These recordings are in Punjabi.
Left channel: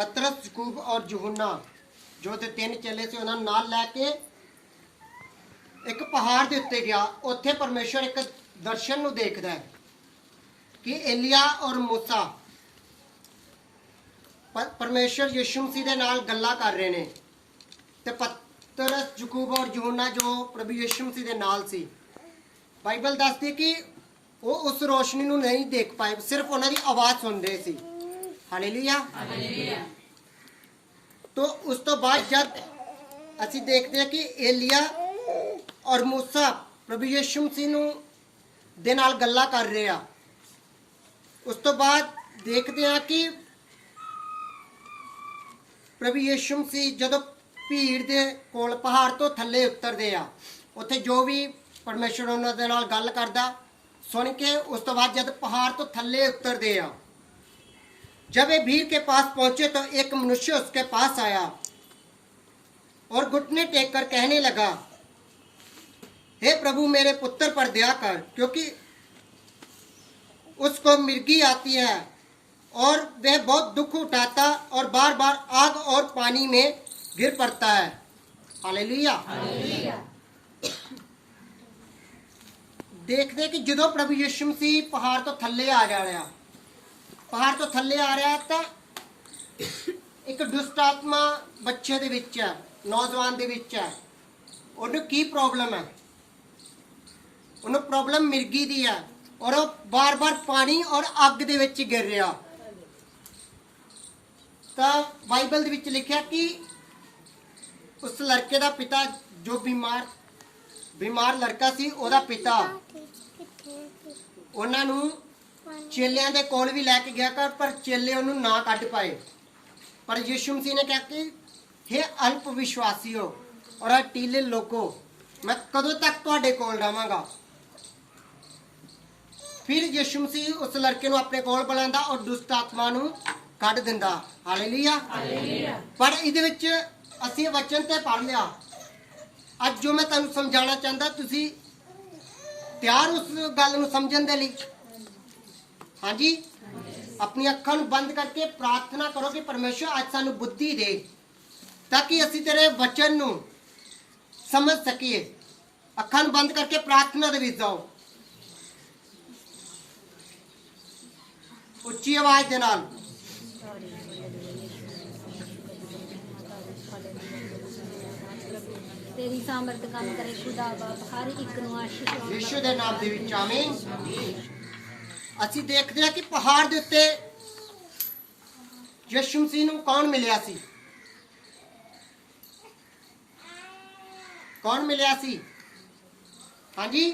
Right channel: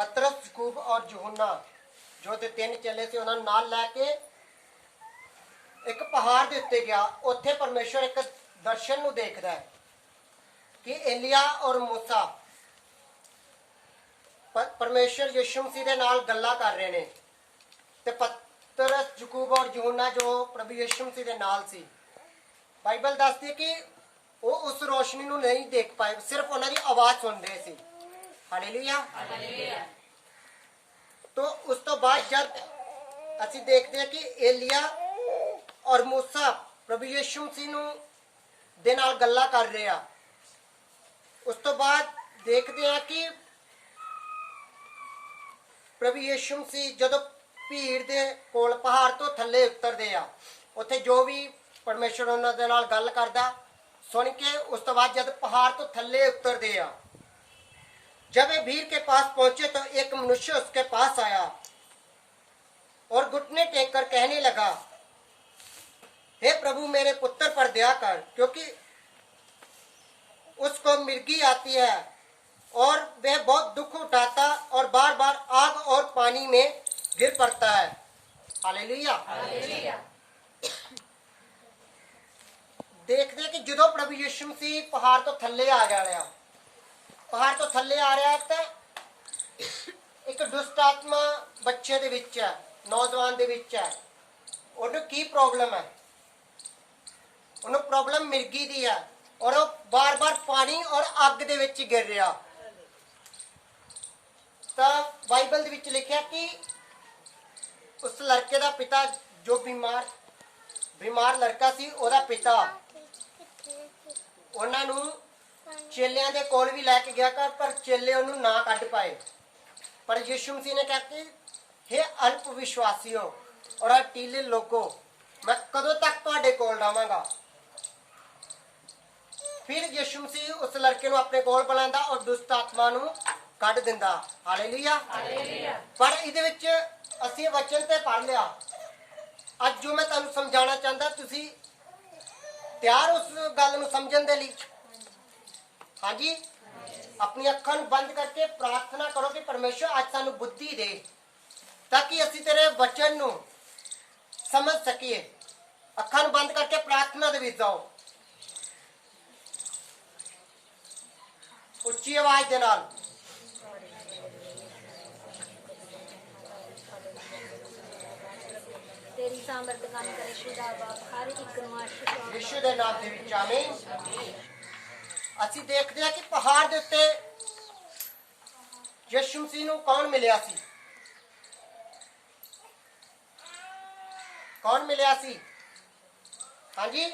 पतरस याकूब और यूहन्ना जो ते तीन चेले से उन्होंने नाल लैके एक पहाड़ के उत्ते गया। उत्थे परमेश्वर एक दर्शन नूं देखदा है कि एलिया और मूसा परमेश्वर यीशु मसीह दे नाल गल्लां कर रहे ने ते पतरस याकूब और यूहन्ना जो प्रभु यीशु मसीह दे नाल सी, बाइबल दसदी है कि वो उस रोशनी नूं नहीं देख पाए, सिर्फ उन्हां दी आवाज़ सुनदे सी। हालेलुया। तो उस तो बाद जब असीं देखते हैं कि एलिया और मूसा प्रभु यीशु मसीह नूं दे नाल गल्लां कर रहे आ, उस तो बाद देखते हैं कि प्रभु यीशु मसीह जदों भीड़ दे कोल पहाड़ तो थल्ले उतरदे आ, उत्थे जो भी परमेश्वर उन्हां दे नाल गल करदा सुन के उस तो बाद जब पहाड़ तो थल्ले उतरदे आ, जब वे भीड़ के पास पहुंचे तो एक मनुष्य उसके पास आया और घुटने टेक कर कहने लगा, हे प्रभु मेरे पुत्र पर दया कर, क्योंकि उसको मिर्गी आती है और वह बहुत दुख उठाता और बार बार आग और पानी में गिर पड़ता है। हालेलुया। देखते कि जो प्रभु यीशु मसीह पहाड़ तो थल्ले आ जा रहा, पहाड़ तो थल्ले आ रहा तो एक दुष्ट आत्मा बच्चे दे विच है, नौजवान दे विच है। उन्हें की प्रॉब्लम है? उन्हें प्रॉब्लम मिर्गी दी है और वो बार बार पानी और अग दे विच गिर रहा। तो बाइबल दे विच लिखा कि उस लड़के का पिता जो बीमार लड़का सी, ओदा पिता उन्हां नूं चेलियां दे कोल भी लैके गया कर, पर चेले उन्होंने ना कढ़ पाए। पर यीशु मसीह ने कहा कि हे अल्प विश्वासियों और हठीले लोगों, मैं कदों तक तुहाडे कोल रहांगा। फिर यीशु मसीह उस लड़के नूं अपने कोल बुलांदा और दुष्ट आत्मा नूं कढ़ दिंदा। हालेलुया। पर इहदे विच असीं वचन ते पढ़ लिया, अज जो मैं तुहानूं समझाना चाहता, तुसीं तैयार उस गल नूं समझण दे लई? हाँ जी। अपनी अखां नूं बंद करके प्रार्थना करो कि परमेश्वर आज सानू बुद्धि दे, ताकि असीं तेरे वचन नूं समझ सकीए। अखां नूं बंद करके प्रार्थना दे विच जाओ, उच्ची आवाज दे नाल। तेरी सामर्थ काम करे खुदा हर एक नूं आशीष यीशु दे नाम दे विच आमीन। ਅਸੀਂ देखते हैं कि पहाड़ के उत्ते यीशु मसीह नूं कौन मिलिया सी? कौन मिलिया सी? हाँ जी,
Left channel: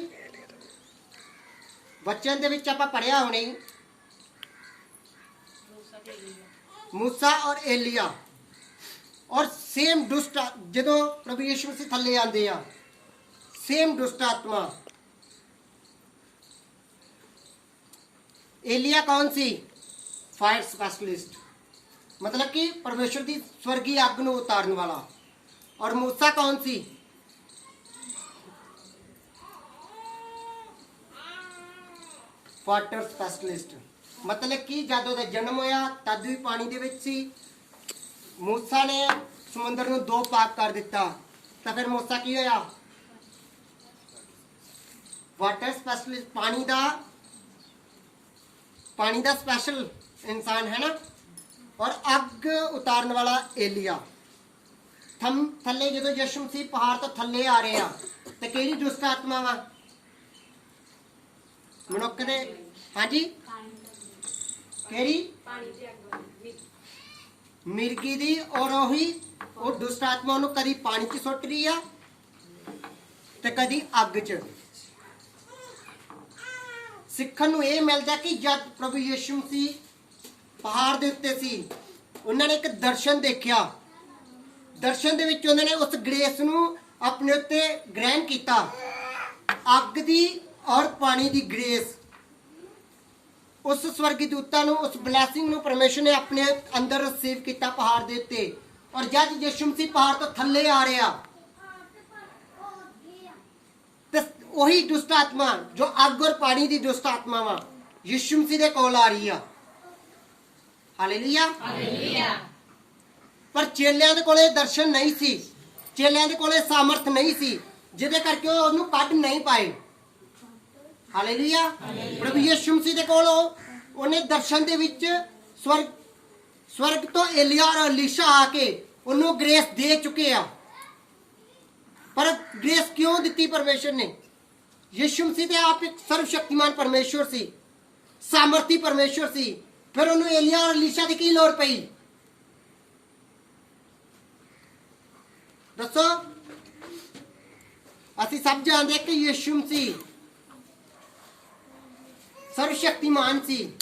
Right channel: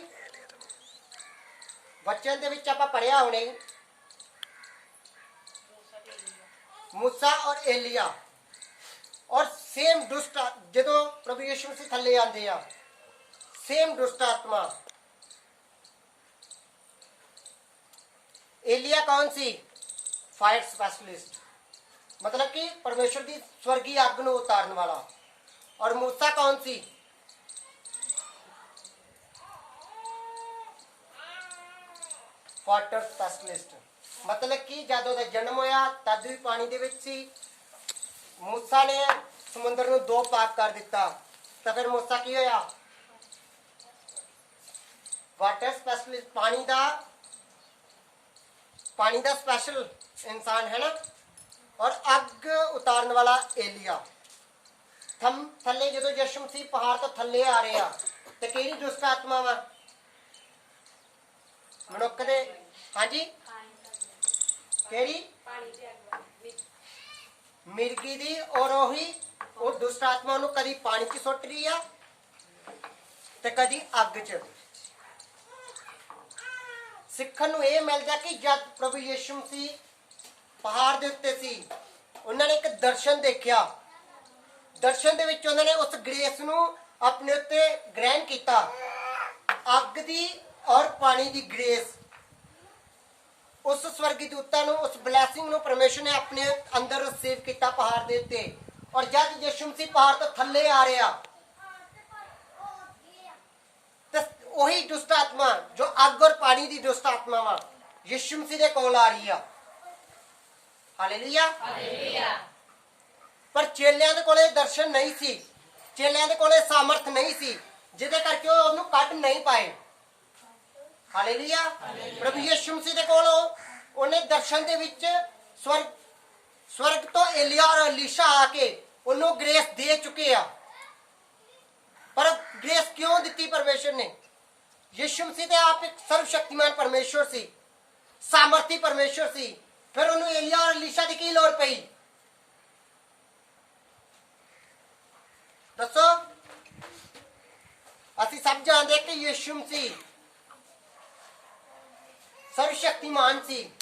वचन दे विच आपां पढ़िया होणे मूसा और एलिया। और सेम दुष्ट जदों प्रभु यीशु मसीह थल्ले आंदे आ, सेम दुष्ट आत्मा। एलिया कौन सी? फायर स्पेशलिस्ट, मतलब कि परमेश्वर की स्वर्गीय अग नूं उतारन वाला। और मूसा कौन सी? वाटर स्पेशलिस्ट, मतलब कि जद उहदा जन्म होया तद भी पानी दे विच सी। मूसा ने समुद्र नूं दो भाग कर दिता, तो फिर मूसा की होया? वाटर स्पेशलिस्ट, पानी दा स्पेशल इंसान है ना। और अग उतारन वाला एलिया। थल्ले जो यीशु मसीह पहाड़ तो थल्ले आ रहे आ, तो किहड़ी दुष्ट आत्मा वा? मनुख दे। हाँ जी, किहड़ी? मिर्गी दी। और ओही वो दुष्ट आत्मा उन्होंने कदी पानी च सुट रही आ ते कदी अग च। सिੱਖਣ ਨੂੰ ਇਹ ਮਿਲਦਾ कि जब प्रभु यीशु मसीह पहाड़ ਦੇ ਉੱਤੇ ਸੀ, ਉਹਨਾਂ ਨੇ ਇੱਕ ਦਰਸ਼ਨ ਦੇਖਿਆ। ਦਰਸ਼ਨ ਦੇ ਵਿੱਚ ਉਹਨਾਂ ਨੇ ਉਸ ਗ੍ਰੇਸ ਨੂੰ ਆਪਣੇ ਉੱਤੇ ਗ੍ਰਹਿਣ ਕੀਤਾ, ਅੱਗ ਦੀ ਔਰ ਪਾਣੀ ਦੀ ਗ੍ਰੇਸ। ਉਸ ਸਵਰਗੀ ਦੂਤਾਂ ਨੂੰ, ਉਸ ਬਲੈਸਿੰਗ ਨੂੰ परमेश्वर ਨੇ ਆਪਣੇ ਅੰਦਰ ਰਿਸੀਵ ਕੀਤਾ ਪਹਾੜ ਦੇ ਉੱਤੇ। ਔਰ ਜਦ ਯीशु मसीह पहाड़ ਤੋਂ ਥੱਲੇ ਆ ਰਿਹਾ, वही दुष्ट आत्मा जो अग और पानी की दुष्ट आत्मा यीशु मसीह दे कोल आ रही है। हालेलुया। ਪਰ ਚੇਲਿਆਂ ਦੇ ਕੋਲੇ ਦਰਸ਼ਨ ਨਹੀਂ ਸੀ, ਚੇਲਿਆਂ ਦੇ ਕੋਲੇ ਸਾਮਰਥ ਨਹੀਂ ਸੀ, ਜਿਹਦੇ ਕਰਕੇ ਉਹ ਉਹਨੂੰ ਕੱਢ ਨਹੀਂ ਪਾਏ। ਹਾਲੇਲੂਇਆ। ਪ੍ਰਭੂ ਯਿਸੂ ਮਸੀਹ ਦੇ ਕੋਲ ਉਹਨੇ ਦਰਸ਼ਨ ਦੇ ਵਿੱਚ ਸਵਰਗ ਤੋਂ ਏਲੀਆ ਔਰ ਅਲੀਸ਼ਾ ਆ ਕੇ ਉਹਨੂੰ ਗ੍ਰੇਸ ਦੇ ਚੁੱਕੇ ਆ। ਪਰ ਗ੍ਰੇਸ ਕਿਉਂ ਦਿੱਤੀ ਪਰਮੇਸ਼ਰ ਨੇ? ਯਿਸੂ ਮਸੀਹ ਤੇ ਆਪ ਇੱਕ ਸਰਵ ਸ਼ਕਤੀਮਾਨ ਪਰਮੇਸ਼ਰ ਸੀ, ਸਾਮਰਥੀ ਪਰਮੇਸ਼ਰ ਸੀ, ਫਿਰ ਉਹਨੂੰ ਏਲੀਆ ਔਰ ਅਲੀਸ਼ਾ ਦੀ ਕੀ ਲੋੜ ਪਈ? ਦੱਸੋ। ਅਸੀਂ ਸਭ ਜਾਣਦੇ ਕਿ ਯਿਸੂ ਮਸੀਹ ਸਰਵ ਸ਼ਕਤੀਮਾਨ ਸੀ।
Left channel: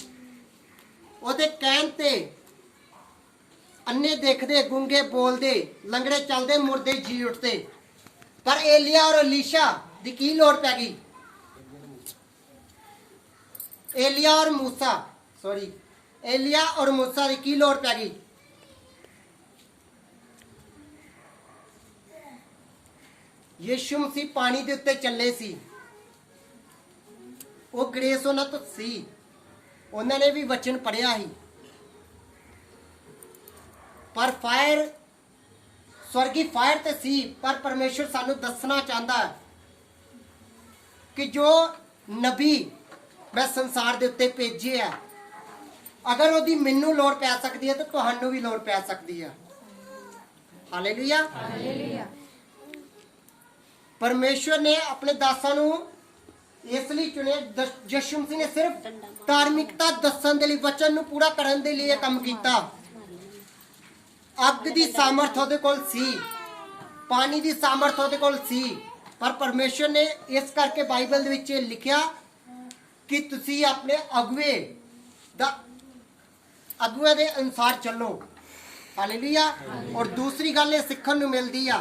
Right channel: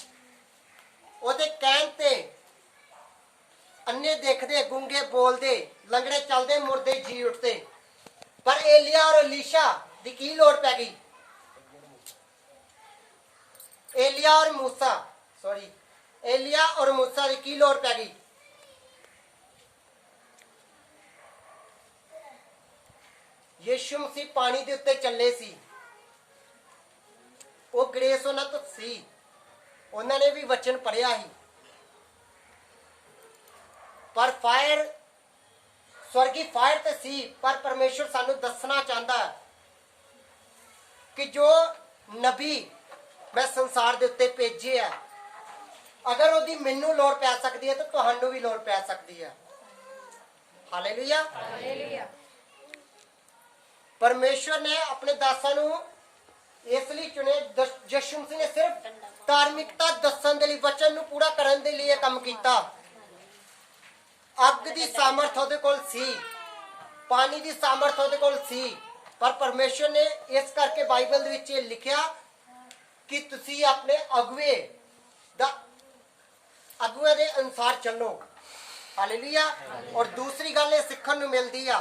ਉਹਦੇ ਕਹਿਣ ਤੇ ਅੰਨੇ ਦੇਖਦੇ, ਗੂੰਗੇ ਬੋਲਦੇ, ਲੰਗੜੇ ਚੱਲਦੇ, ਮੁਰਦੇ ਜੀ ਉੱਠਦੇ। ਪਰ ਏਲੀਆ ਔਰ ਅਲੀਸ਼ਾ ਦੀ ਕੀ ਲੋੜ ਪੈ ਗਈ? ਏਲੀਆ ਔਰ मूसा ਦੀ ਕੀ ਲੋੜ ਪੈ ਗਈ? ਯਿਸੂ ਮਸੀਹ ਪਾਣੀ ਦੇ ਉੱਤੇ ਚੱਲੇ ਸੀ, ਉਹ ਗ੍ਰੇਸ ਉਹਨਾਂ ਤੋਂ ਸੀ, ਉਹਨਾਂ ਨੇ ਵੀ ਵਚਨ ਪੜਿਆ ਸੀ। ਪਰ ਫਾਇਰ, ਸਵਰਗੀ ਫਾਇਰ ਤੇ ਸੀ, ਪਰ ਪਰਮੇਸ਼ਰ ਸਾਨੂੰ ਦੱਸਣਾ ਚਾਹੁੰਦਾ ਹੈ ਕਿ ਜੋ ਨਬੀ ਮੈਂ ਸੰਸਾਰ ਦੇ ਉੱਤੇ ਭੇਜੇ ਆ, ਅਗਰ ਉਹਦੀ ਮੈਨੂੰ ਲੋੜ ਪੈ ਸਕਦੀ ਹੈ ਤਾਂ ਤੁਹਾਨੂੰ ਵੀ ਲੋੜ ਪੈ ਸਕਦੀ ਹੈ। ਹਾਲੇਲੂਇਆ। ਹਾਲੇਲੂਇਆ। ਪਰਮੇਸ਼ਰ ਨੇ ਆਪਣੇ ਦਾਸਾਂ ਨੂੰ ਇਸ ਲਈ ਚੁਣਿਆ, ਯਿਸੂ ਮਸੀਹ ਨੇ ਸਿਰਫ ਧਾਰਮਿਕਤਾ ਦੱਸਣ ਦੇ ਲਈ, ਵਚਨ ਨੂੰ ਪੂਰਾ ਕਰਨ ਦੇ ਲਈ ਇਹ ਕੰਮ ਕੀਤਾ। ਅੱਗ ਦੀ ਸਾਮਰਥ ਉਹਦੇ ਕੋਲ ਸੀ, ਪਾਣੀ ਦੀ ਸਾਮਰਥ ਉਹਦੇ ਕੋਲ ਸੀ, ਪਰ ਪਰਮੇਸ਼ਰ ਨੇ ਇਸ ਕਰਕੇ ਬਾਈਬਲ ਦੇ ਵਿੱਚ ਲਿਖਿਆ ਕਿ ਤੁਸੀਂ ਆਪਣੇ ਅਗੂਏ ਦੇ ਅਨੁਸਾਰ ਚੱਲੋ। ਹਾਲੇਲੂਇਆ। ਔਰ ਦੂਸਰੀ ਗੱਲ ਇਹ ਸਿੱਖਣ ਨੂੰ ਮਿਲਦੀ ਆ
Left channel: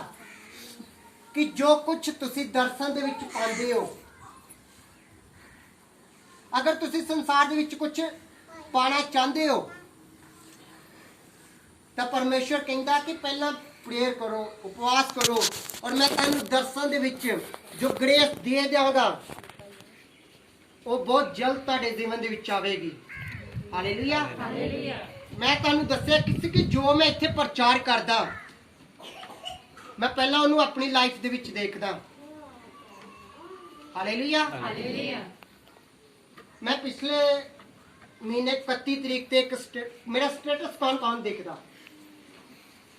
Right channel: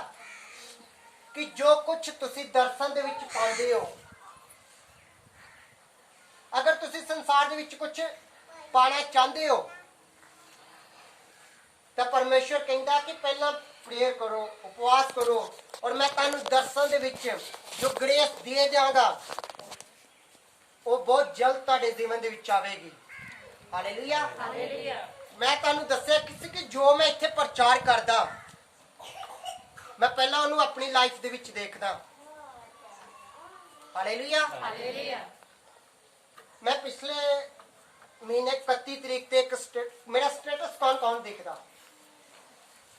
ਕਿ ਜੋ ਕੁਝ ਤੁਸੀਂ ਦਰਸ਼ਨ ਦੇ ਵਿੱਚ ਪਾਉਂਦੇ ਹੋ, ਅਗਰ ਤੁਸੀਂ ਸੰਸਾਰ ਦੇ ਵਿੱਚ ਕੁਝ ਪਾਣਾ ਚਾਹੁੰਦੇ ਹੋ ਤਾਂ ਪਰਮੇਸ਼ਰ ਕਹਿੰਦਾ ਕਿ ਪਹਿਲਾਂ ਪ੍ਰੇਅਰ ਕਰੋ, ਉਪਵਾਸ ਕਰੋ, ਔਰ ਮੈਂ ਤੁਹਾਨੂੰ ਦਰਸ਼ਨ ਦੇ ਵਿੱਚ ਜੋ ਗ੍ਰੇਸ ਦੇ ਦਿਆਂਗਾ ਉਹ ਬਹੁਤ ਜਲਦ ਤੁਹਾਡੇ ਜੀਵਨ ਦੇ ਵਿੱਚ ਆਵੇਗੀ। ਹਾਲੇਲੂਇਆ। ਹਾਲੇਲੂਇਆ। ਮੈਂ ਤੁਹਾਨੂੰ ਦੱਸਿਆ ਕਿ ਜੋ ਮੈਂ ਇੱਥੇ ਪ੍ਰਚਾਰ ਕਰਦਾ, ਮੈਂ ਪਹਿਲਾਂ ਉਹਨੂੰ ਆਪਣੀ ਲਾਈਫ ਦੇ ਵਿੱਚ ਦੇਖਦਾ। ਹਾਲੇਲੂਇਆ। ਹਾਲੇਲੂਇਆ। ਮੈਂ ਪਿਛਲੇ ਮਹੀਨੇ 31 ਤਰੀਕ ਤੇ ਮੇਰਾ ਸਟੇਟਸ ਕੌਣ ਦੇਖਦਾ?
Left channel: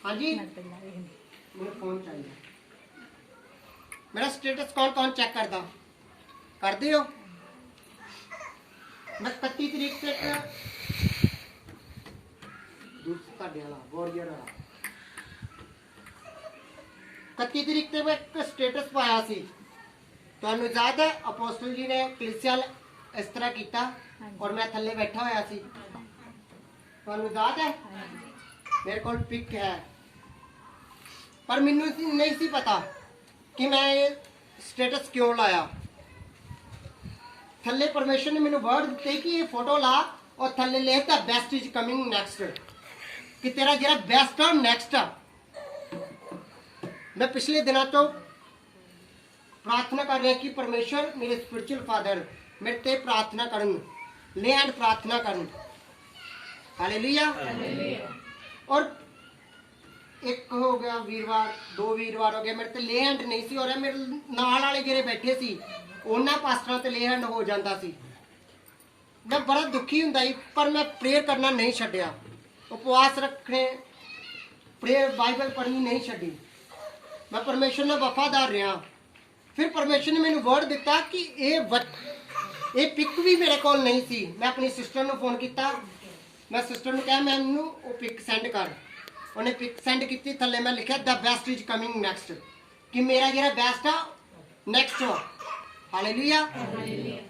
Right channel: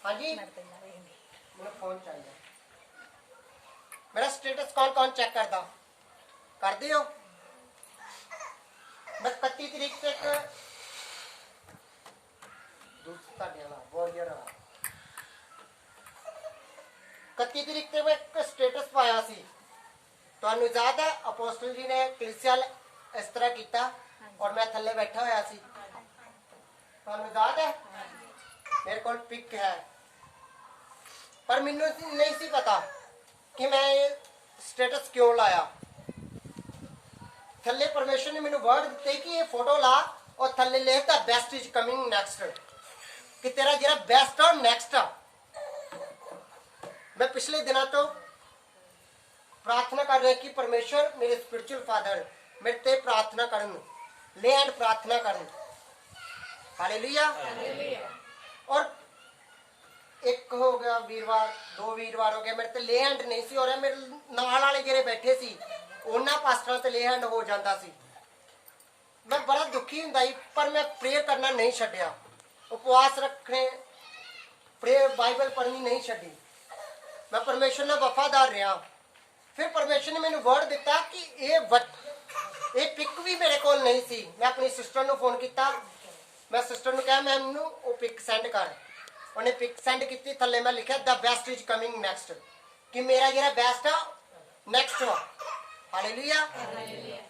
ਹਾਂਜੀ, ਮੈਨੂੰ ਫੋਨ ਚਾਹੀਦਾ। ਮੇਰਾ ਸਟੇਟਸ ਕੌਣ ਚੈੱਕ ਕਰਦਾ? ਕਰਦੇ ਹੋ? ਮੈਂ 31 ਤਰੀਕ ਤੇ ਤੁਹਾਡੇ ਵਾਲਾ ਵਾਰੀਅਰ ਵਾਲਾ 31 ਤਰੀਕ ਤੇ ਮੈਂ ਇੱਕ ਸਟੇਟਸ ਪਾਇਆ ਸੀ। ਤੁਹਾਨੂੰ ਯਾਦ ਹੈ ਅਪੋਸਟਲ ਜੀ ਨੇ ਕਲੀਸਿਆ ਇਸ ਤਰ੍ਹਾਂ ਕੀਤਾ ਔਰ ਮੈਂ ਥੱਲੇ ਬੈਠਾ ਹੋਇਆ ਸੀ। ਤੁਹਾਨੂੰ ਯਾਦ ਹੈ? ਮੇਰੇ ਕੋਲ ਪਿਕ ਹੈ, ਪਰ ਮੈਨੂੰ ਨਹੀਂ ਸੀ ਪਤਾ ਕਿ ਮੈਂ ਇਹ ਸਟੇਟਸ ਕਿਉਂ ਲਾਇਆ। ਥੱਲੇ ਪਰਮੇਸ਼ਰ ਨੇ ਮੈਨੂੰ ਵਰਡ ਦਿੱਤੇ ਕਿ ਇਹ ਫੋਟੋ ਲਾ ਔਰ ਥੱਲੇ ਲਿਖਤਾ ਬੈਸਟ ਇਜ਼ ਕਮਿੰਗ ਨੈਕਸਟ, ਕਿ ਤੇਰਾ ਜਿਹੜਾ ਬੈਸਟ ਆ ਨੈਕਸਟ ਆ। ਮੈਂ ਪਿਛਲੇ ਦਿਨਾਂ ਤੋਂ ਪ੍ਰਾਰਥਨਾ ਕਰ ਰਿਹਾ ਕਿ ਪਰਮੇਸ਼ਰ ਮੇਰੇ ਸਪਿਰਚੁਅਲ ਫਾਦਰ ਮੇਰੇ ਤੇ ਪ੍ਰਾਰਥਨਾ ਕਰਨ, ਲੈ ਐਂਡ ਪ੍ਰਾਰਥਨਾ ਕਰਨ। ਹਾਲੇਲੂਇਆ। ਹਾਲੇਲੂਇਆ। ਔਰ ਇੱਕ ਹੋ ਗਿਆ ਵੀਰਵਾਰ, 2 ਵੀਰਵਾਰ ਹੋ ਗਏ ਮੇਰੇ ਤੇ ਲੈ ਐਂਡ ਨਹੀਂ ਸੀ, ਔਰ ਮੇਰੇ ਨਾਲ ਵਾਲੇ ਜਿਹੜੇ ਬੈਠੇ ਸੀ ਉਹਨਾਂ ਪਾਸਟਰਾਂ ਤੇ ਲੈ ਐਂਡ ਹੋ ਜਾਂਦਾ ਸੀ। ਮੈਂ ਬੜਾ ਦੁਖੀ ਹੁੰਦਾ ਸੀ, ਪਰ ਮੈਂ ਪ੍ਰੇਅਰ ਕਰਨਾ ਨਹੀਂ ਛੱਡਿਆ, ਉਪਵਾਸ ਰੱਖਣੇ, ਪ੍ਰੇਅਰ ਬਾਈਬਲ ਪੜ੍ਹਨੀ ਨਹੀਂ ਛੱਡੀ। ਮੈਂ ਪਰਮੇਸ਼ਰ ਨਾਲ ਵਫਾਦਾਰ ਰਿਹਾ। ਫਿਰ ਪਰਮੇਸ਼ਰ ਨੇ ਮੈਨੂੰ ਵਰਡ ਦਿੱਤਾ ਕਿ ਇਹ ਪਿਕ ਵੀ ਮੇਰੇ ਕੋਲ ਨਹੀਂ ਸੀ। ਮੈਂ ਆਪਣੀ ਸਿਸਟਰ ਨੂੰ ਫੋਨ ਕੀਤਾ, ਮੈਂ ਸਿਸਟਰ ਨੂੰ ਕਿਹਾ ਮੈਨੂੰ ਉਹ ਪਿਕ ਸੈਂਡ ਕਰ। ਉਹਨੇ ਪਿਕ ਸੈਂਡ ਕੀਤੀ, ਥੱਲੇ ਮੈਂ ਲਿਖਿਆ the best is coming next, ਕਿ ਮੇਰਾ ਜਿਹੜਾ ਬੈਸਟ ਆ ਨੈਕਸਟ ਆ। ਹਾਲੇਲੂਇਆ।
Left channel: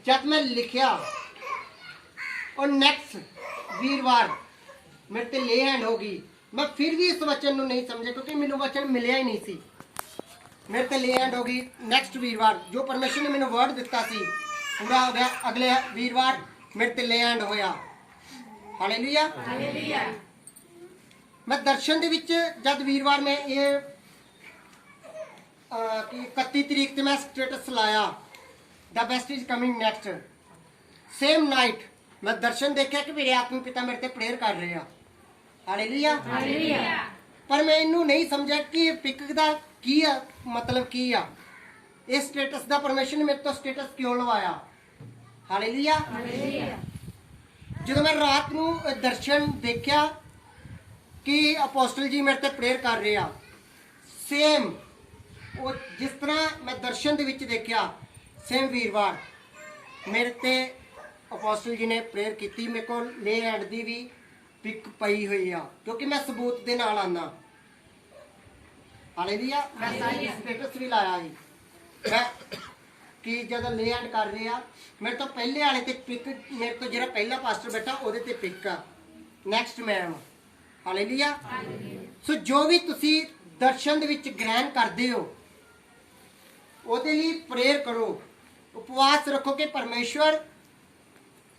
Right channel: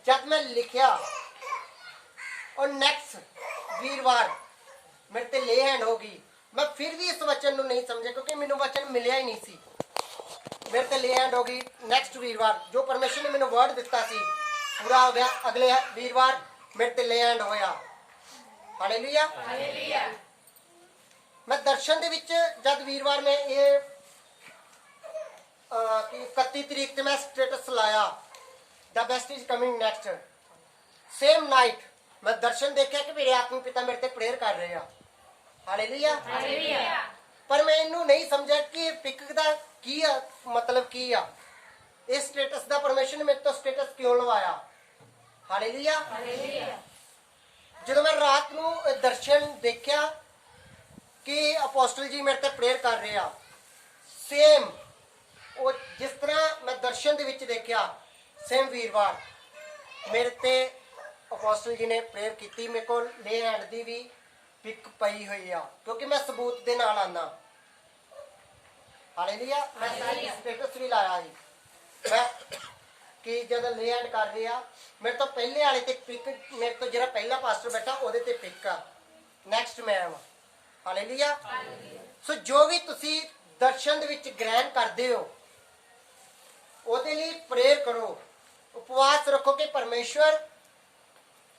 ਜਦ ਮੈਂ ਲਿਖਿਆ ਔਰ ਨੈਕਸਟ ਵੀਰਵਾਰ ਮੇਰੇ ਤੇ ਲੈ ਹੈਂਡ ਹੋ ਗਈ, ਮੈਂ ਫਿਰ ਵੀ ਇਸ ਵਚਨ ਨੂੰ ਨਹੀਂ ਸਮਝਿਆ ਕਿਉਂਕਿ ਮੈਨੂੰ ਵਚਨ ਮਿਲਿਆ ਹੀ ਨਹੀਂ ਸੀ। ਮੇਰੇ ਤੇ ਲੈ ਹੈਂਡ ਹੋ ਗਈ ਨੈਕਸਟ ਵੀਰਵਾਰ, ਜੋ ਪਰਮੇਸ਼ਰ ਨੇ ਮੈਨੂੰ ਵਰਡ ਦਿੱਤਾ ਸੀ ਪੂਰਾ ਹੋ ਗਿਆ। ਅਗਲੇ ਵੀਰਵਾਰ ਮੇਰੇ ਤੇ ਲੈ ਹੈਂਡ ਹੋਇਆ। ਹਾਲੇਲੂਇਆ। ਹਾਲੇਲੂਇਆ। ਮੈਂ ਦਰਸ਼ਨ ਦੇ ਵਿੱਚ ਜਦ ਵੀਰਵਾਰ ਮੈਂ ਇਹ 31 ਤਰੀਕ ਤੇ ਮੈਂ ਸਟੇਟਸ ਲਾਇਆ the best is coming next, same night ਮੈਂ ਦਰਸ਼ਨ ਦੇਖਿਆ ਕਿ ਮੇਰੇ ਆਤਮਿਕ ਪਿਤਾ ਮੇਰੇ ਤੇ ਪ੍ਰੇਅਰ ਕਰ ਰਹੇ ਆ। ਹਾਲੇਲੂਇਆ। ਹਾਲੇਲੂਇਆ। ਪਰ ਮੈਂ ਇਹਨੂੰ ਨਹੀਂ ਸਮਝਿਆ ਕਿ ਪਿਕ ਦਾ ਕੀ ਆ, ਮਤਲਬ ਕੀ ਆ, ਇਹ ਸਟੇਟਸ ਦਾ ਪਰਮੇਸ਼ਰ ਨੇ ਮੇਰੇ ਤੋਂ ਸਟੇਟਸ ਕਿਉਂ ਲਵਾਇਆ। ਹਾਲੇਲੂਇਆ। ਜਦੋਂ ਮੈਂ ਰਾਤ ਨੂੰ ਦਰਸ਼ਨ ਦੇਖਿਆ ਕਿ ਅਪੋਸਟਲ ਜੀ ਮੇਰੇ ਤੇ ਪ੍ਰੇਅਰ ਕਰ ਰਹੇ ਆ, ਸੇਮ ਉਹ ਜਿਸ ਤਰ੍ਹਾਂ ਮੈਂ ਦਰਸ਼ਨ ਦੇ ਵਿੱਚ ਦੇਖਿਆ, ਸੇਮ ਵੀਰਵਾਰ ਮੇਰੇ ਤੇ ਅਪੋਸਟਲ ਜੀ ਨੇ ਪ੍ਰੇਅਰ ਕੀਤੀ। ਮੇਰੇ ਕੋਲ ਲੇ ਹੈਂਡ ਦੀ ਵੀ ਪਿਕ ਪਈ ਹੋਈ ਆ, ਕਿਉਂਕਿ ਮੈਂ ਸਬੂਤ ਦੇ ਨਾਲ ਆਨਾ। ਹਾਲੇਲੂਇਆ। ਮੈਂ ਸਾਰੀ ਸਟੇਟਸ ਵੀ ਲਾਇਆ ਸੀ ਮੈਂ ਕਿ ਜਦੋਂ ਲੇ ਹੈਂਡ ਕਰ ਰਹੇ ਆ, ਮੇਰੇ ਤੋਂ ਪਹਿਲੇ ਵਾਲੇ ਤੇ ਪਿਕ, ਮੇਰੇ ਤੋਂ ਜਿਹੜਾ ਪਹਿਲਾ ਪਾਸਟਰ ਬੈਠਾ ਉਹਦੇ ਤੇ ਪਿਕ ਆ, ਨੈਕਸਟ ਮੈਮ। ਹਾਲੇਲੂਇਆ। ਸੋ ਜੋ ਵੀ ਤੁਸੀਂ ਦਰਸ਼ਨ ਦੇ ਵਿੱਚ ਗ੍ਰਹਿਣ ਕਰਦੇ ਹੋ, ਉਹਦੇ ਲਈ ਪ੍ਰੇਅਰ ਕਰੋ, ਉਪਵਾਸ ਰੱਖੋ ਕਿ ਪਰਮੇਸ਼ਵਰ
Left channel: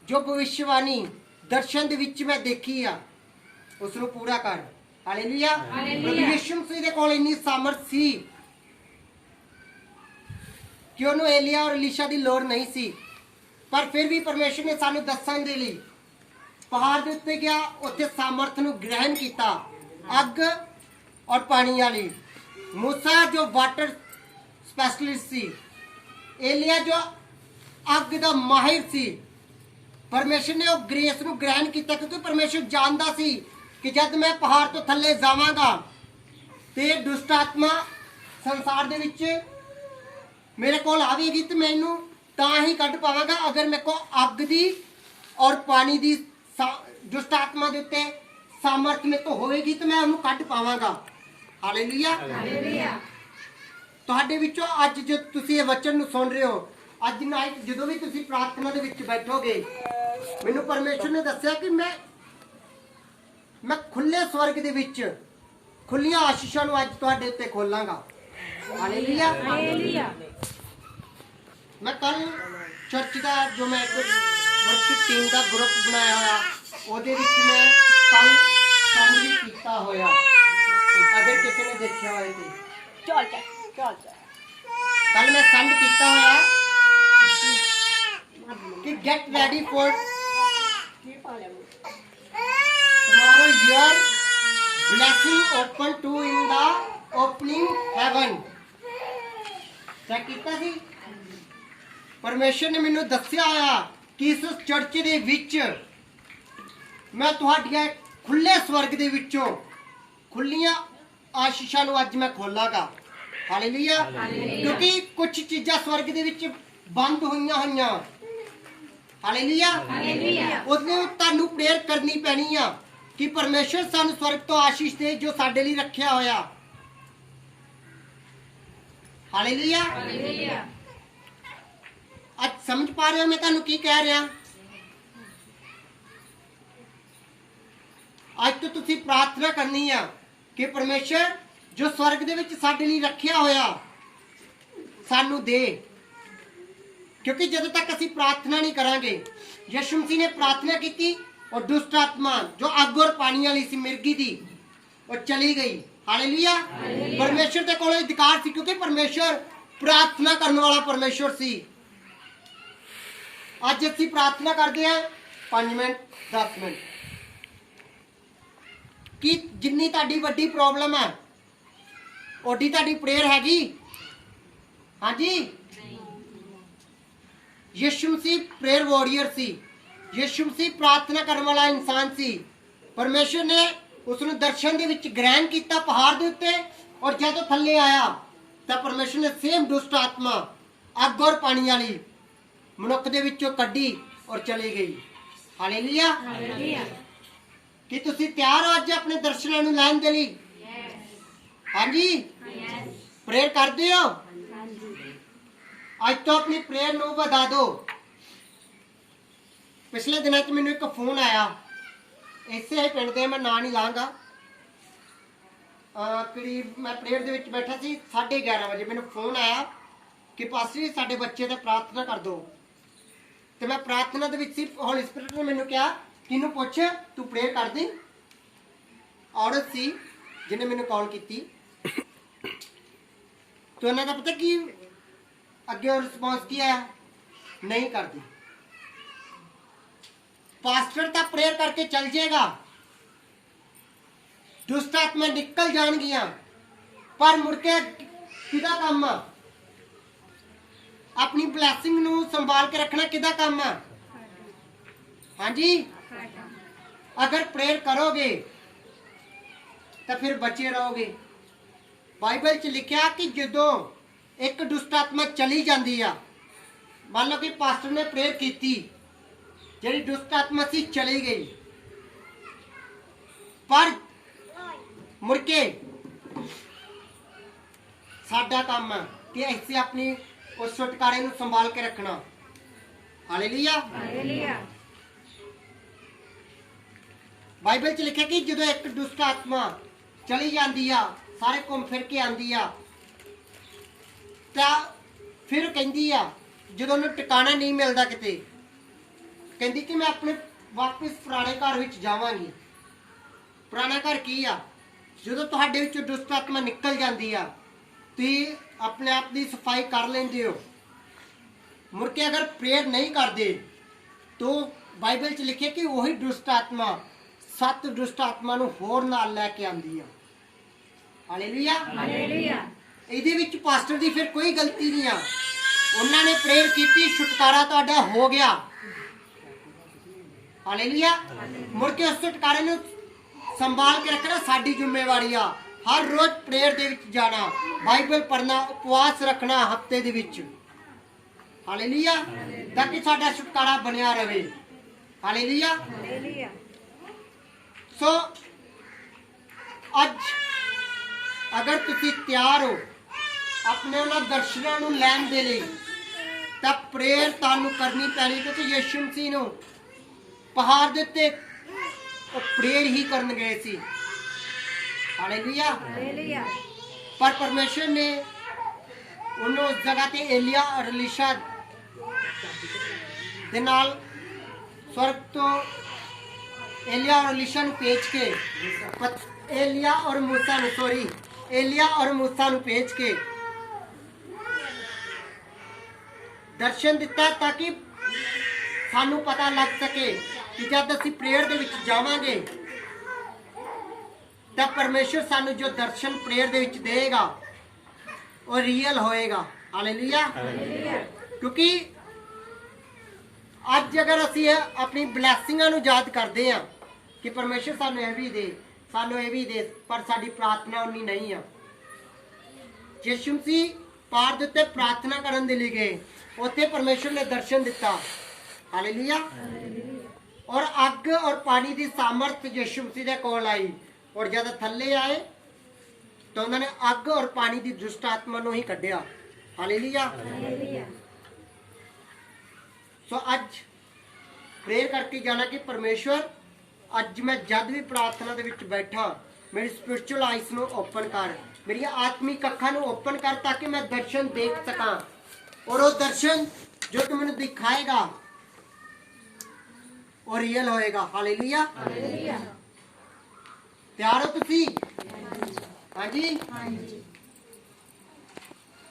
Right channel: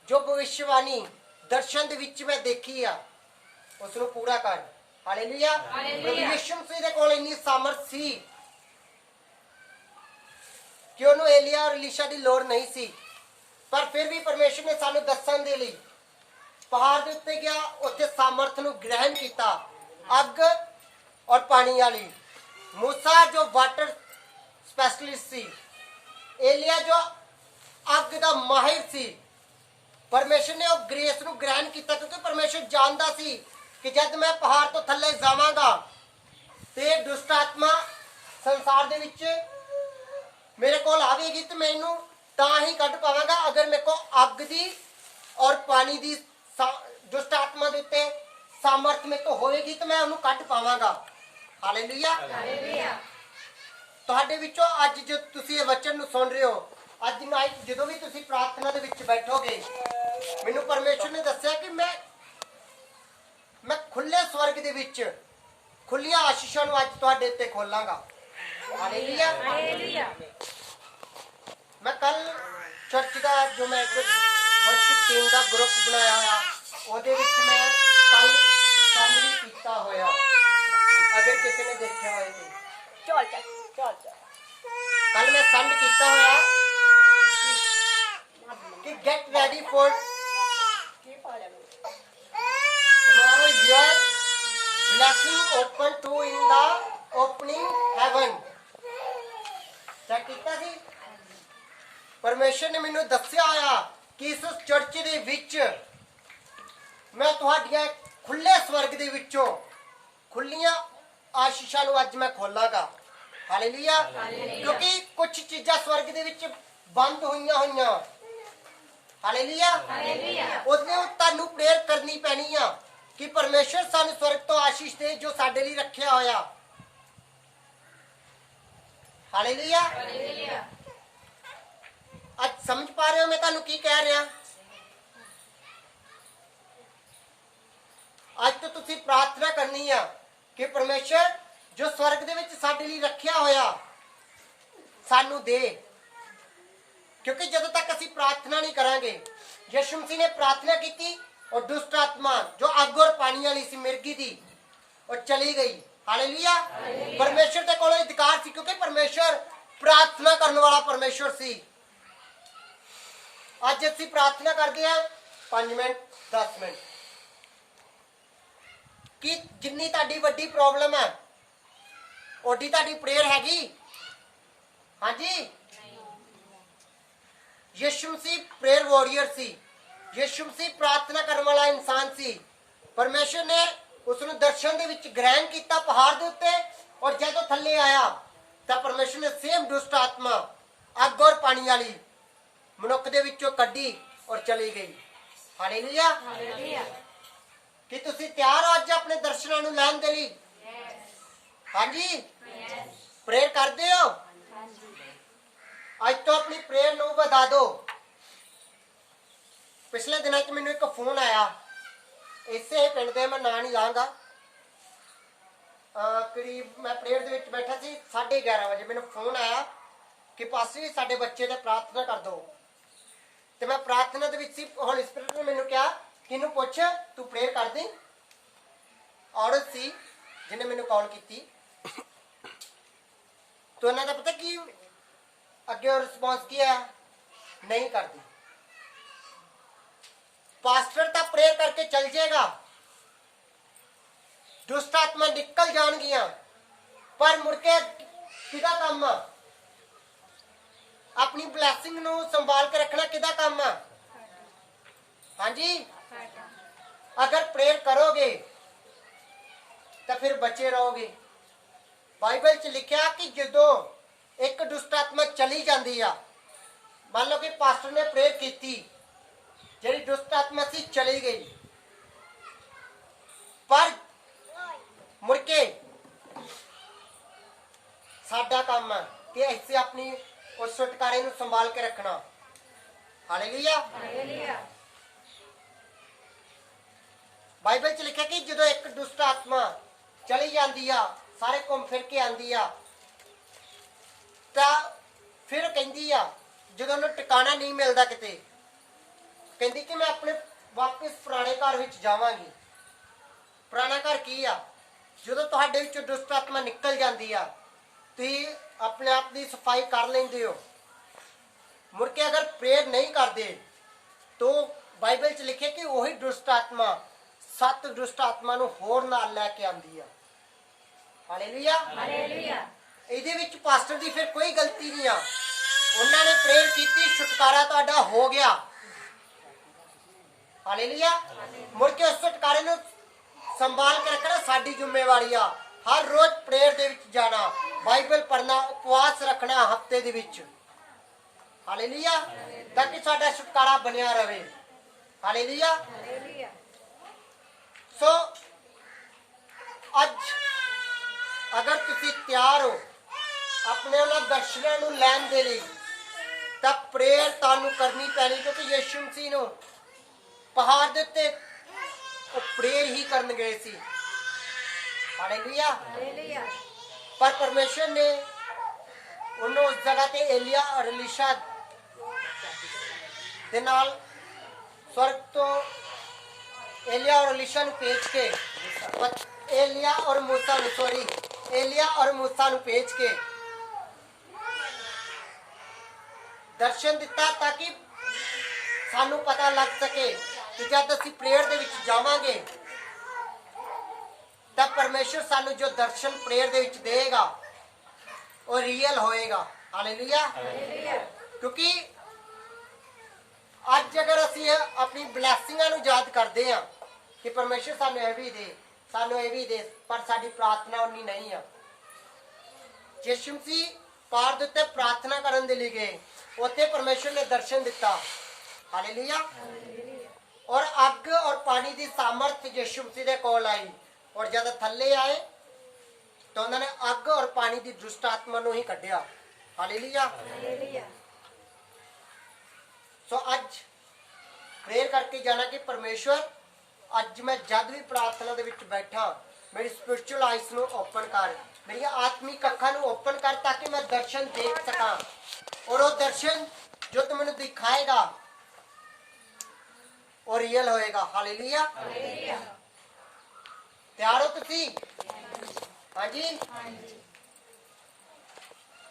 ਜੋ ਭਵਿੱਖਬਾਣੀ ਦਰਸ਼ਨ ਦੇ ਵਿੱਚ ਮੈਂ ਦੇਖੀ ਆ ਉਸ ਨੂੰ ਪੂਰਾ ਕਰ। ਹਾਲੇਲੂਇਆ। ਪ੍ਰਭੂ ਯਿਸੂ ਮਸੀਹ ਦੇ ਕੋਲ ਇੰਨੀ ਸਾਮਰਥ ਸੀ ਕਿ ਉਹਨੂੰ ਏਲੀਆ ਔਰ ਇਲੀਸ਼ਾ ਦੀ ਲੋੜ ਨਹੀਂ ਸੀ, ਪਰ ਫਿਰ ਵੀ ਪਰਮੇਸ਼ਰ ਨੇ ਸਾਨੂੰ ਦੱਸਣ ਦੇ ਲਈ ਪਹਾੜ ਦੇ ਉੱਤੇ ਗਿਆ, ਉੱਥੇ ਸਾਮਰਥ ਨੂੰ ਗ੍ਰਹਿਣ ਕੀਤਾ, ਅੱਗ ਔਰ ਪਾਣੀ ਵਾਲੀ। ਮੂਸਾ ਜੋ ਵਾਟਰ ਸਪੈਸ਼ਲਿਸਟ ਸੀ, ਏਲੀਆ ਜੋ ਅੱਗ ਦਾ ਮਾਹਿਰ ਸੀ। ਪਰਮੇਸ਼ਰ ਨੇ ਉਹ ਗ੍ਰੇਸ ਨੂੰ ਗ੍ਰਹਿਣ ਕੀਤਾ ਕਿਉਂਕਿ ਪਰਮੇਸ਼ਰ ਜਾਣਦਾ ਸੀ ਕਿ ਜਦ ਮੈਂ ਪਹਾੜ ਤੋਂ ਥੱਲੇ ਜਾਵਾਂਗਾ ਤੇ ਦੁਸ਼ਟ ਆਤਮਾ ਸੰਸਾਰ ਦੇ ਵਿੱਚ ਮੇਰੇ ਕੋਲ ਆਵੇਗੀ ਤੇ ਮੈਨੂੰ ਤਾਂ ਹੀ ਕੱਢ ਪਾਵਾਂਗਾ ਅਗਰ ਮੇਰੇ ਕੋਲ ਅੱਗ ਦੀ ਔਰ ਪਾਣੀ ਦੀ ਦੁਸ਼ਟ ਆਤਮਾ ਦੇ ਉੱਤੇ ਸਾਮਰਥ ਮੇਰੇ ਤੋਂ ਹੋਵੇਗੀ ਤੇ ਮੈਂ ਉਹਨੂੰ ਕੱਢ ਪਾਵਾਂਗਾ। ਹਾਲੇਲੂਇਆ। ਤੁਹਾਡੇ ਵਿੱਚੋਂ ਅੱਜ ਜੋ ਤੁਸੀਂ ਇਹ ਵਚਨ ਨੂੰ ਸੁਣ ਰਹੇ ਹੋ, ਅੱਜ ਨਾਈਟ ਜਦੋਂ ਵੀ ਤੁਸੀਂ ਪ੍ਰਾਰਥਨਾ ਦੇ ਵਿੱਚ ਬੈਠੋਗੇ, ਮੈਨੂੰ ਪਰਮੇਸ਼ਰ ਨੇ ਦੱਸਿਆ ਕਿ ਮੈਂ ਖੁੱਲੇ ਸਵਰਗ ਦੇ ਵਿੱਚ ਖੁੱਲੀਆਂ ਆਸ਼ੀਸ਼ਾਂ ਨੂੰ ਅੱਜ ਤੁਹਾਡੇ ਉੱਤੇ ਖੋਲਾਂਗਾ। ਹਾਲੇਲੂਇਆ। ਮੈਂ ਕੱਲ ਚਰਚ ਦਾ ਜੋ ਮੈਂ ਇੱਕ ਵਰਸ਼ਿਪ ਟੀਮ ਦਾ ਗਰੁੱਪ ਬਣਾਇਆ ਹੋਇਆ, ਉਹਦੇ ਵਿੱਚ ਮੈਂ ਕੱਲ ਕੰਮ ਵੀ ਕੀਤਾ ਹੋਇਆ, ਅਗਰ ਕਿਸੇ ਨੇ ਦੇਖਿਆ ਹੋਏ ਤੇ ਕੱਲ ਮੈਂ ਸੰਡ ਕੀਤਾ ਹੋਇਆ ਕਿ get ready for tomorrow your blessing open to in the opening heaven। ਤਾਂ ਕੀਤਾ ਸੀ ਪਰਮੇਸ਼ਰ ਨੇ ਮੈਨੂੰ ਦੱਸਿਆ ਹੋਇਆ ਕਿ ਇਸ ਚਰਚ ਦੇ ਵਿੱਚ ਮੈਂ ਤੁਹਾਡੀਆਂ ਖੁੱਲੇ ਸਵਰਗ ਦੇ ਵਿੱਚੋਂ ਖੁੱਲੀਆਂ ਆਸ਼ੀਸ਼ਾਂ ਨੂੰ ਅੱਜ ਮੈਂ ਖੋਲਾਂਗਾ। ਹਾਲੇਲੂਇਆ। ਕਿਉਂਕਿ ਕੁਝ ਚੀਜ਼ਾਂ ਸਵਰਗ ਦੇ ਵਿੱਚ ਬੰਦ ਹੋਈਆਂ। ਹਾਲੇਲੂਇਆ। ਉਹਦੇ ਤੁਹਾਨੂੰ ਪ੍ਰੇਅਰ ਕਰਨੀ ਪੈਣੀ ਆ ਕਿ ਪਰਮੇਸ਼ਰ ਸਾਨੂੰ ਸਵਰਗ ਤੋਂ ਆਸ਼ੀਸ਼ ਦੇ ਜੋ ਸਾਡੇ ਲਈ ਰੱਖਿਆ ਹੋਇਆ। ਹਾਲੇਲੂਇਆ। ਅੱਜ ਸਮਝ ਪਾ ਰਹੇ ਹੋ ਮੈਂ ਤੁਹਾਨੂੰ ਕੀ ਕਹਿ ਰਿਹਾ? ਅੱਜ ਤੋਂ ਤੁਸੀਂ ਪ੍ਰਾਰਥਨਾ ਕਰਨੀ ਆ ਕਿ ਪਰਮੇਸ਼ਰ ਜੋ ਸਵਰਗ ਦੇ ਵਿੱਚ ਸਾਡੇ ਲਈ ਰੱਖਿਆ ਹੋਇਆ ਸਾਨੂੰ ਦੇ, ਕਿਉਂਕਿ ਜਦੋਂ ਤੱਕ ਅਸੀਂ ਪ੍ਰਾਰਥਨਾ ਨਹੀਂ ਕਰਾਂਗੇ, ਯਿਸੂ ਮਸੀਹ ਨੇ ਪ੍ਰਾਰਥਨਾ ਕੀਤੀ ਔਰ ਦੁਸ਼ਟ ਆਤਮਾ ਜੋ ਅੱਗ ਔਰ ਪਾਣੀ ਵਾਲੀ ਸੀ ਮਿਰਗੀ ਦੀ, ਉਹ ਚਲੀ ਗਈ। ਹਾਲੇਲੂਇਆ। ਪਰਮੇਸ਼ਰ ਦੇ ਕੋਲ ਅਧਿਕਾਰ ਸੀ ਕਿਉਂਕਿ ਪਰਮੇਸ਼ਰ ਪ੍ਰਾਰਥਨਾ ਕਰਨ ਵਾਲਾ ਪਰਮੇਸ਼ਰ ਸੀ। ਅੱਜ ਅਸੀਂ ਪ੍ਰਾਰਥਨਾ ਕਰਦੇ ਹਾਂ 5 ਮਿੰਟ 10 ਮਿੰਟ, ਕਿ ਜਿੰਨੀ ਤੁਹਾਡੀ ਵੱਡੀ ਪ੍ਰੋਬਲਮ ਹੈ ਓਡੀ ਤੁਹਾਡੀ ਪ੍ਰੇਅਰ ਹੈਗੀ। ਹਾਂਜੀ। ਯਿਸੂ ਮਸੀਹ ਪ੍ਰੇਅਰ ਵਾਰੀਅਰ ਸੀ, ਯਿਸੂ ਮਸੀਹ ਪ੍ਰਾਰਥਨਾ ਕਰਨ ਵਾਲਾ ਇਨਸਾਨ ਸੀ। ਪਰਮੇਸ਼ਰ ਨੇ ਉਸ ਨੂੰ ਦਰਸ਼ਨ ਦੇ ਵਿੱਚ ਗ੍ਰਹਿਣ ਕੀਤਾ ਪਹਾੜ ਦੇ ਉੱਤੇ, ਔਰ ਜਦੋਂ ਥੱਲੇ ਆਇਆ ਤਾਂ ਪਰਮੇਸ਼ਰ ਨੇ ਸੇਮ ਦੁਸ਼ਟ ਆਤਮਾ ਅੱਗ ਔਰ ਪਾਣੀ ਵਾਲੀ ਮਨੁੱਖ ਦੇ ਵਿੱਚੋਂ ਕੱਢੀ ਔਰ ਚਲੀ ਗਈ। ਹਾਲੇਲੂਇਆ। ਕੀ ਤੁਸੀਂ ਤਿਆਰ ਹੋ ਅੱਜ ਆਪਣੇ ਦਰਸ਼ਨਾਂ ਨੂੰ ਲੈਣ ਦੇ ਲਈ? ਹਾਂਜੀ। ਪ੍ਰੇਅਰ ਕਰਦੇ ਹੋ? ਅੱਜ ਤੋਂ ਆਪਣੀ ਪ੍ਰੇਅਰ ਨੂੰ ਵਧਾ ਦਿਓ। ਪਿਛਲੇ ਦਿਨਾਂ 'ਚ ਮੈਨੂੰ ਇੱਕ ਫੋਨ ਆਇਆ, ਇਸੇ ਪਿੰਡ ਦੇ, ਮੈਂ ਨਾਂ ਨਹੀਂ ਲਾਂਗਾ। ਕਰੀਬ ਮੈਂ ਪ੍ਰੇਅਰ ਦੇ ਵਿੱਚ ਬੈਠਾ ਸੀ, 11:30 ਵਜੇ ਮੈਨੂੰ ਫੋਨ ਆਇਆ ਕਿ ਪਾਸਟਰ ਜੀ ਸਾਡੇ ਬੱਚੇ ਤੇ ਪ੍ਰਾਰਥਨਾ ਕਰ ਦਿਓ। ਤੇ ਮੈਂ ਪ੍ਰਾਰਥਨਾ ਦੇ ਵਿੱਚ ਸੀ, ਹੋਲੀ ਸਪਿਰਿਟ ਨੇ ਮੈਨੂੰ ਕਿਹਾ ਕਿਹਨੂੰ ਪੁੱਛ, ਤੂੰ ਪ੍ਰੇਅਰ ਕਰ ਦੇ। ਔਰਤ ਸੀ ਜਿਹਨੇ ਮੈਨੂੰ ਕਾਲ ਕੀਤੀ। तो ਉਹਨਾਂ ਦਾ ਪਤਾ ਕੀ ਅੱਗੇ ਰਿਸਪੌਂਸ ਕੀ ਆਇਆ? ਨਹੀਂ ਕਰਦੀ। ਪਾਸਟਰ ਤਾਂ ਪ੍ਰੇਅਰ ਕਰਕੇ ਚਲ ਜਾਏਗਾ, ਦੁਸ਼ਟ ਆਤਮਾ ਨਿਕਲ ਜਾਣਗੀਆਂ, ਪਰ ਮੁੜ ਕੇ ਕਿਹਦਾ ਕੰਮ ਆ? ਆਪਣੀ ਬਲੈਸਿੰਗ ਨੂੰ ਸੰਭਾਲ ਕੇ ਰੱਖਣਾ ਕਿਹਦਾ ਕੰਮ ਆ? ਹਾਂਜੀ, ਅਗਰ ਪ੍ਰੇਅਰ ਕਰੋਗੇ ਤਾਂ ਫਿਰ ਬਚੇ ਰਹੋਗੇ। ਬਾਈਬਲ 'ਚ ਲਿਖਿਆ ਕਿ ਜਦੋਂ ਇੱਕ ਦੁਸ਼ਟ ਆਤਮਾ ਚਲੀ ਜਾਂਦੀ ਆ, ਮੰਨ ਲਓ ਕਿ ਪਾਸਟਰ ਨੇ ਪ੍ਰੇਅਰ ਕੀਤੀ, ਜਿਹੜੀ ਦੁਸ਼ਟ ਆਤਮਾ ਸੀ ਚਲੀ ਗਈ, ਪਰ ਮੁੜ ਕੇ ਸਾਡਾ ਕੰਮ ਹੈ ਕਿ ਅਸੀਂ ਆਪਣੀ ਉਸ ਛੁਟਕਾਰੇ ਨੂੰ ਸੰਭਾਲ ਕੇ ਰੱਖਣਾ। ਹਾਲੇਲੂਇਆ। ਬਾਈਬਲ 'ਚ ਲਿਖਿਆ ਕਿ ਜਦੋਂ ਇੱਕ ਦੁਸ਼ਟ ਆਤਮਾ ਚਲੀ ਜਾਂਦੀ ਆ, ਸਾਰੇ ਘੁੰਮ ਫਿਰ ਕੇ ਆਂਦੀ ਆ, ਤਾਂ ਫਿਰ ਕਹਿੰਦੀ ਆ, ਜਦੋਂ ਉਹਨੂੰ ਟਿਕਾਣਾ ਨਹੀਂ ਮਿਲਦਾ ਕਿਤੇ, ਕਹਿੰਦੀ ਕਿ ਮੈਂ ਆਪਣੇ ਵਾਪਸ ਪੁਰਾਣੇ ਘਰ ਵਿੱਚ ਜਾਵਾਂਗੀ। ਪੁਰਾਣਾ ਘਰ ਕੀ ਆ? ਜਦੋਂ ਤੁਹਾਡੇ ਵਿੱਚੋਂ ਦੁਸ਼ਟ ਆਤਮਾ ਨਿਕਲ ਜਾਂਦੀ ਆ, ਤੁਸੀਂ ਆਪਣੇ ਆਪ ਦੀ ਸਫਾਈ ਕਰ ਲੈਂਦੇ ਹੋ। ਮੁੜ ਕੇ ਅਗਰ ਪ੍ਰੇਅਰ ਨਹੀਂ ਕਰਦੇ ਤਾਂ ਬਾਈਬਲ 'ਚ ਲਿਖਿਆ ਕਿ ਉਹੀ ਦੁਸ਼ਟ ਆਤਮਾ 7 ਦੁਸ਼ਟ ਆਤਮਾ ਨੂੰ ਹੋਰ ਨਾਲ ਲੈ ਕੇ ਆਂਦੀ ਆ। ਹਾਲੇਲੂਇਆ। ਇਹਦੇ ਵਿੱਚ ਪਾਸਟਰ ਦੀ ਫਿਰ ਕੋਈ ਗਲਤੀ ਨਹੀਂ ਆ। ਉਹਨਾਂ ਨੇ ਪ੍ਰੇਅਰ ਕੀਤੀ, ਛੁਟਕਾਰਾ ਤੁਹਾਡਾ ਹੋ ਗਿਆ। ਹਾਲੇਲੂਇਆ। ਮੁੜ ਕੇ ਉਸ ਛੁਟਕਾਰੇ ਨੂੰ ਸੰਭਾਲ ਕੇ ਰੱਖਣਾ ਸਾਡੀ ਜ਼ਿੰਮੇਵਾਰੀ ਆ। ਹਰ ਰੋਜ਼ ਪ੍ਰੇਅਰ ਦੇ ਵਿੱਚ ਜਾਣਾ, ਬਾਈਬਲ ਪੜ੍ਹਨਾ, ਉਪਵਾਸ ਰੱਖਣਾ ਹਫਤੇ ਦੇ ਵਿੱਚ। ਹਾਲੇਲੂਇਆ। ਤਾਂ ਕਿ ਸਾਡਾ ਛੁਟਕਾਰਾ ਬਣਿਆ ਰਵੇ। ਹਾਲੇਲੂਇਆ। ਸੋ ਅੱਜ ਅਗਰ ਤੁਸੀਂ ਤਿਆਰ ਹੋ ਆਪਣੇ ਉਹਨਾਂ ਦਰਸ਼ਨਾਂ ਨੂੰ ਲੈਣ ਦੇ ਲਈ, ਤਾਂ ਪ੍ਰੇਅਰ ਤੁਹਾਨੂੰ ਕਰਨੀ ਪੈਣੀ, ਕਿਉਂਕਿ ਯਿਸੂ ਮਸੀਹ ਨੂੰ ਪਹਾੜ ਦੇ ਉੱਤੇ ਉਹ ਪ੍ਰੇਅਰ ਹੀ ਕਰਨ ਗਏ ਸੀ। ਹਾਲੇਲੂਇਆ। ਪਰ ਪਰਮੇਸ਼ਰ ਨੇ ਉਹਨੂੰ ਉਸ ਜਗ੍ਹਾ ਤੇ ਏਲੀਆ ਔਰ ਅਲੀਸ਼ਾ ਦੇ ਨਾਲ ਸਵਰਗ ਤੋਂ ਏਲੀਆ ਔਰ ਅਲੀਸ਼ਾ ਨੂੰ ਭੇਜ ਕੇ ਏਲੀਆ ਔਰ ਮੂਸਾ ਨੂੰ ਭੇਜ ਕੇ ਦਰਸ਼ਨ ਦਿੱਤਾ, ਤਾਂ ਕਿ ਸਾਨੂੰ ਪਤਾ ਲੱਗ ਸਕੇ ਕਿ ਜਦ ਅਸੀਂ ਪ੍ਰੇਅਰ ਦੇ ਵਿੱਚ ਜਾਵਾਂਗੇ ਤਾਂ ਪਰਮੇਸ਼ਰ ਸਾਨੂੰ ਜੋ ਦਰਸ਼ਨ ਪ੍ਰੇਅਰ ਦੇ ਵਿੱਚ ਦੇਗਾ ਉਹ ਰੀਅਲ ਹੋਏਗਾ। ਹਾਲੇਲੂਇਆ। ਕਿਉਂਕਿ ਅੱਜ ਅਗਰ ਅਸੀਂ ਆਪਣੀ ਬਲੈਸਿੰਗਾਂ ਨੂੰ ਯਾਦ ਕਰਦੇ ਹਾਂ ਕਿ ਪਰਮੇਸ਼ਰ ਸਾਨੂੰ ਇਹ ਵੀ ਦੇ, ਸਾਨੂੰ ਇਹ ਵੀ ਦੇ, ਪਰ ਸਾਡੀ ਪ੍ਰਾਰਥਨਾ ਉਨੀ ਨਹੀਂ ਆ। ਯਿਸੂ ਮਸੀਹ ਪਹਾੜ ਦੇ ਉੱਤੇ ਪ੍ਰਾਰਥਨਾ ਕਰਨ ਦੇ ਲਈ ਗਏ, ਉੱਥੇ ਪਰਮੇਸ਼ਰ ਨੇ ਦਰਸ਼ਨ ਦਿੱਤਾ। ਹਾਲੇਲੂਇਆ। ਔਰ ਅੱਗ ਔਰ ਪਾਣੀ ਦੀ ਸਾਮਰਥ ਯਿਸੂ ਮਸੀਹ ਦੇ ਕੋਲ ਆਈ, ਔਰ ਜਦ ਥੱਲੇ ਆਏ ਤਾਂ ਉਹਨਾਂ ਨੇ ਅੱਗ ਔਰ ਪਾਣੀ ਦੀ ਦੁਸ਼ਟ ਆਤਮਾ ਨੂੰ ਹੀ ਕੱਢਿਆ। ਹਾਲੇਲੂਇਆ। ਸੋ ਅੱਜ ਪ੍ਰੇਅਰ ਕਰਕੇ ਜਾਣਾ ਕਿ ਪਰਮੇਸ਼ਵਰ, ਅੱਜ ਮੈਂ ਜਦ ਵੀ ਪ੍ਰਾਰਥਨਾ ਦੇ ਵਿੱਚ ਬੈਠਾ, ਮੇਰੀ ਸਪਿਰਚੁਅਲ ਆਈਸ ਨੂੰ ਓਪਨ ਕਰ, ਮੇਰੀਆਂ ਆਤਮਿਕ ਅੱਖਾਂ ਨੂੰ ਓਪਨ ਕਰ, ਤਾਂ ਕਿ ਮੈਂ ਦਰਸ਼ਨ ਦੇਖ ਸਕਾਂ, ਔਰ ਉਹ ਦਰਸ਼ਨ ਜੋ ਤੂੰ ਮੈਨੂੰ ਦਿਖਾਏਗਾ ਉਹ ਰੀਅਲ ਹੋਏਗਾ। ਹਾਲੇਲੂਇਆ। ਤਿਆਰ ਹੋ ਤੁਸੀਂ? ਹਾਂਜੀ।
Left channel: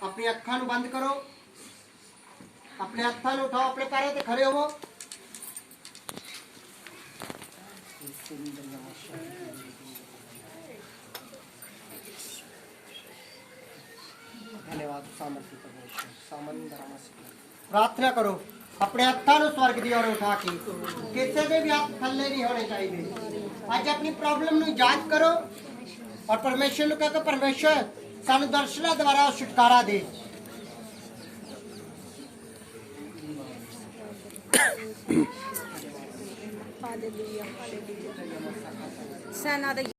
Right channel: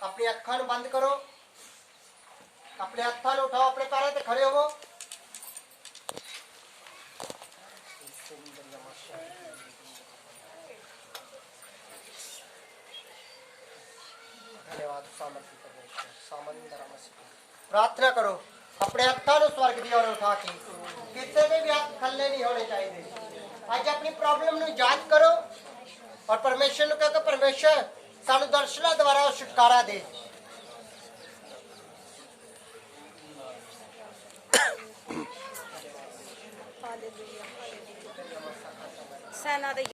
ਆਪਣੀ ਅੱਖਾਂ ਨੂੰ ਬੰਦ ਕਰੋ, ਆਪਣੇ ਹੱਥਾਂ ਨੂੰ ਉਠਾਓ, ਆਪਣੇ ਪੈਰਾਂ ਤੇ ਖੜੇ ਹੋਵੋ। धन्यवाद सामर्थ्य परमेश्वर। प्रार्थना करो, अपने हत्थों ਨੂੰ स्वर्ग ਦੀ ओर उठा के, ਕਿਸੇ ਦੇ ਵੀ ਹੱਥ ਥੱਲੇ ਨਹੀਂ ਹੋਣੇ ਚਾਹੀਦੇ। ਅੱਜ ਆਪਣੀ ਪ੍ਰੋਬਲਮ ਨੂੰ ਯਾਦ ਕਰੋ ਔਰ ਪਰਮੇਸ਼ਰ ਨੂੰ ਕਹੋ ਕਿ ਪਰਮੇਸ਼ਰ ਸਾਨੂੰ ਦਰਸ਼ਨਾਂ ਦੁਆਰਾ ਛੁਟਕਾਰਾ ਦੇ। ਹਾਲੇਲੂਇਆ। ਹਾਲੇਲੂਇਆ। ਸੈਨਾ ਦੇ